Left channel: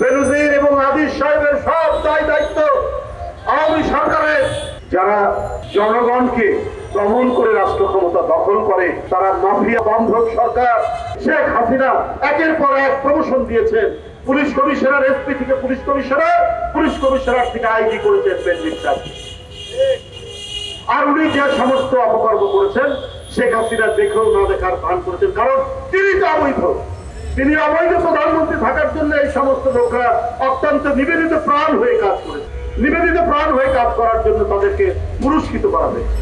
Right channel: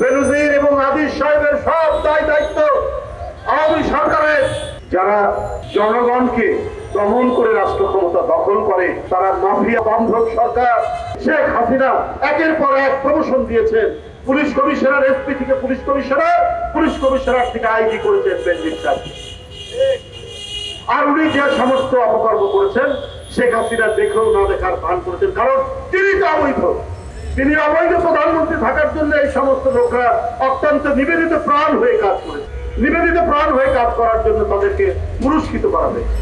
বেনজির এবং আদিল সাহেবের সব দায়িত্ব আওয়ামী সরকারের। যারা জনগণকে দমন করে রাষ্ট্র ক্ষমতা দখল করে তারা মাফিয়া বন্ধক সরকার। শেখ হাসিনা একের পর এক প্রমোশন দিয়েছেন, পুলিশ কমিশনার এসপি থেকে পুলিশ কমিশনার থেকে আইজি করেছেন বেনজির সাহেব। আর উনি যে সমস্ত অপকর্ম করেছেন শেখ হাসিনা দেখেও না দেখার ভান করেছেন, কারণ তিনি তো অবৈধ। তিনি অবৈধ প্রধানমন্ত্রী থাকার জন্য এই সমস্ত লোকরা অত্যন্ত নিবেদিত প্রাণ হয়ে কাজ করেছে। নিবেদিত প্রাণ হয়ে কাজ করার জন্য তাদেরকে পুরস্কৃত করা হয়েছে।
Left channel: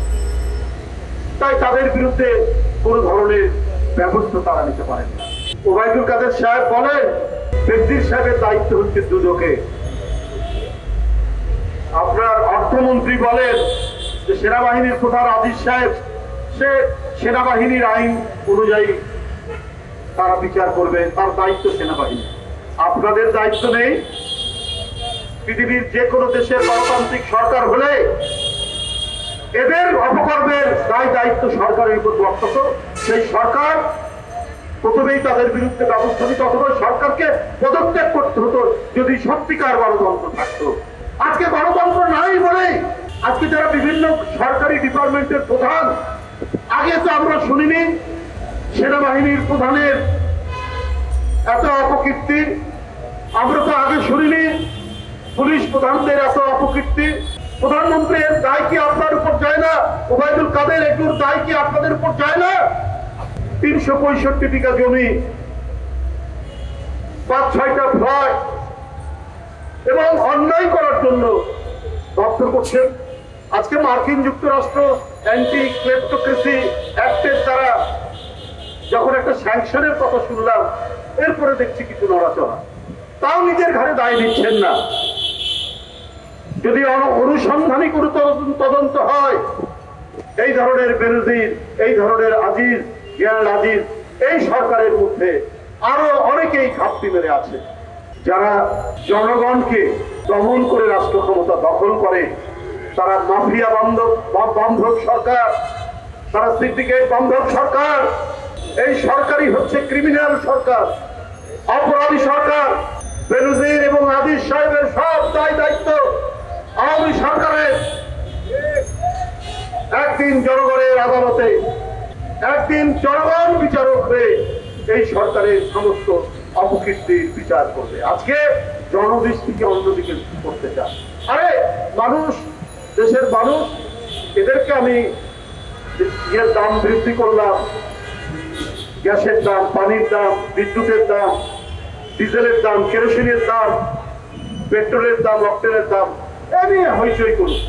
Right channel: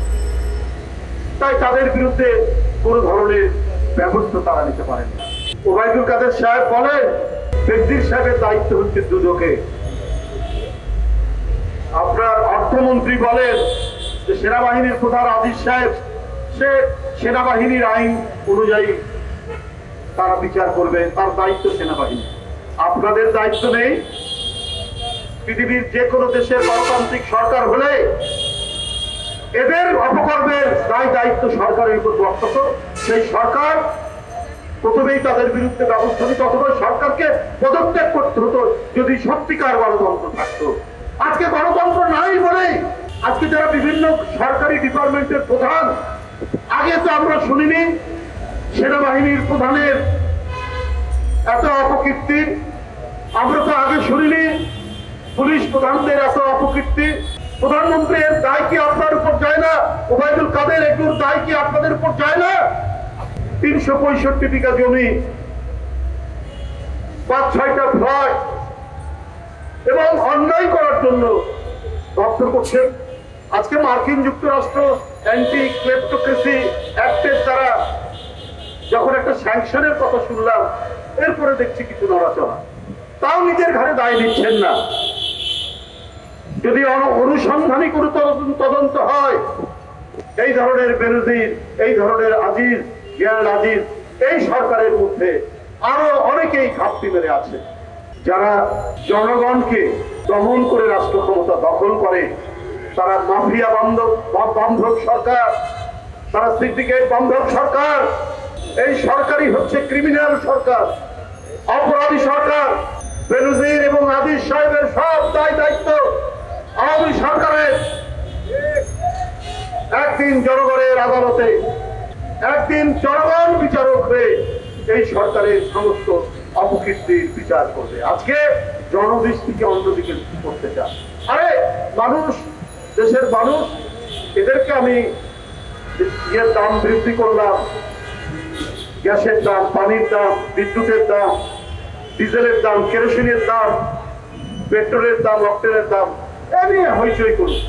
তাই তাদের বিরুদ্ধে কোন ধরনের ব্যবস্থা তারা নিতে পারে না। ওবায়দুল কাদের সাহেব বলেন বেনজির সাহেবের দায়িত্ব হচ্ছে দুদকে। আপনার অর্থমন্ত্রী বলেন যে সেনাবাহিনীর প্রধান আদিল সাহেব সে সেনাবাহিনীর আইন অনুযায়ী তার বিচার করবে, তার দায়িত্ব সেনাবাহিনী। আপনাদের দায়িত্ব নেই? পৃথিবীর যে কোনো দেশের গণতান্ত্রিক সরকার হলে এদের অপকর্মের দায়িত্ব সরকারের উপর বর্তত। সেই সরকার প্রথমেই তাদের বিরুদ্ধে ব্যবস্থা নিত, অথবা সরকারকে পদত্যাগ করতে হতো যদি সত্যিকার গণতন্ত্র থাকতো। আজকে গণতন্ত্র নাই বলে আজকে যারা বিভিন্ন সরকারি ডিপার্টমেন্টের প্রধান, আগে তো আমরা শুনিনি সেনাবাহিনীর প্রধানের এত অপকীর্তি, আমরা তো আগে শুনিনি পুলিশ প্রধানদের এত অপকীর্তি। প্রধানমন্ত্রীর দায় কি আপনার উপর যায় না? ওবায়দুল কাদের এগুলোর দায় কি আপনাদের উপর যায় না? 365 বিঘা জমি, 5-6টা ফ্ল্যাট এবং অন্যায় করার জন্য দপ্তর করছেন। আজকে মার্কিন যুক্তরাষ্ট্র অ্যান্টি ক্লেপ্টোক্রেসি অ্যাক্টের দ্বারা যখন একটা স্যাংশনের কথা শুনলাম, এরপরে দেখছি কিছু নড়াচড়া, তাও নিজের ঘরে দায় দিচ্ছেন না। যদি অনুসন্ধানী কোনো তদন্ত হয়, এই ধরনের বেনজির, এই ধরনের আজিজ জ্ঞান আজিজ এই সরকারের মধ্যে আরো অনেকেই ঘাপটি মেরে আছে। যারা জনগণকে দমন করে রাষ্ট্র ক্ষমতা দখল করে তারা মাফিয়া বন্ধক সরকার, তারা সিন্ডিকেট বন্ধক সরকার। এই সরকারই হচ্ছে ক্রিমিনাল সরকার, অপরাধী সরকার। বেনজির এবং আদিল সাহেবের সব দায়িত্ব আওয়ামী সরকারের। একদিন জনগণের আদালতে, একদিন জনগণ বিচারক হয়ে এই সরকারের সমস্ত অপকীর্তির বিচার করবে। আজকে জনদৃষ্টিকে অন্যদিকে করতে চায়। আরে মানুষ, দেশের মানুষ, এদেরকে আমি দাম বৃদ্ধি করলাম, গ্যাসের দাম, পানির দাম, বিদ্যুতের দাম, ডিজেলের দাম, কেরোসিনের দাম, পেট্রোলের দাম, অক্টেনের দাম, এমনি হইচই করুন।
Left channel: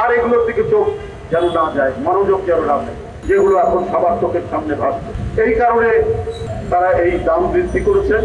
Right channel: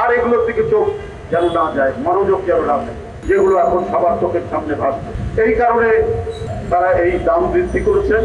আর এগুলোর দিকে চোখ যেন না যায়, মনোযোগ যেন না যায়, যেগুলো এখন সবার চোখের সামনে ভাসছে। এই কারণে তারা এই দাম বৃদ্ধি করেছেন।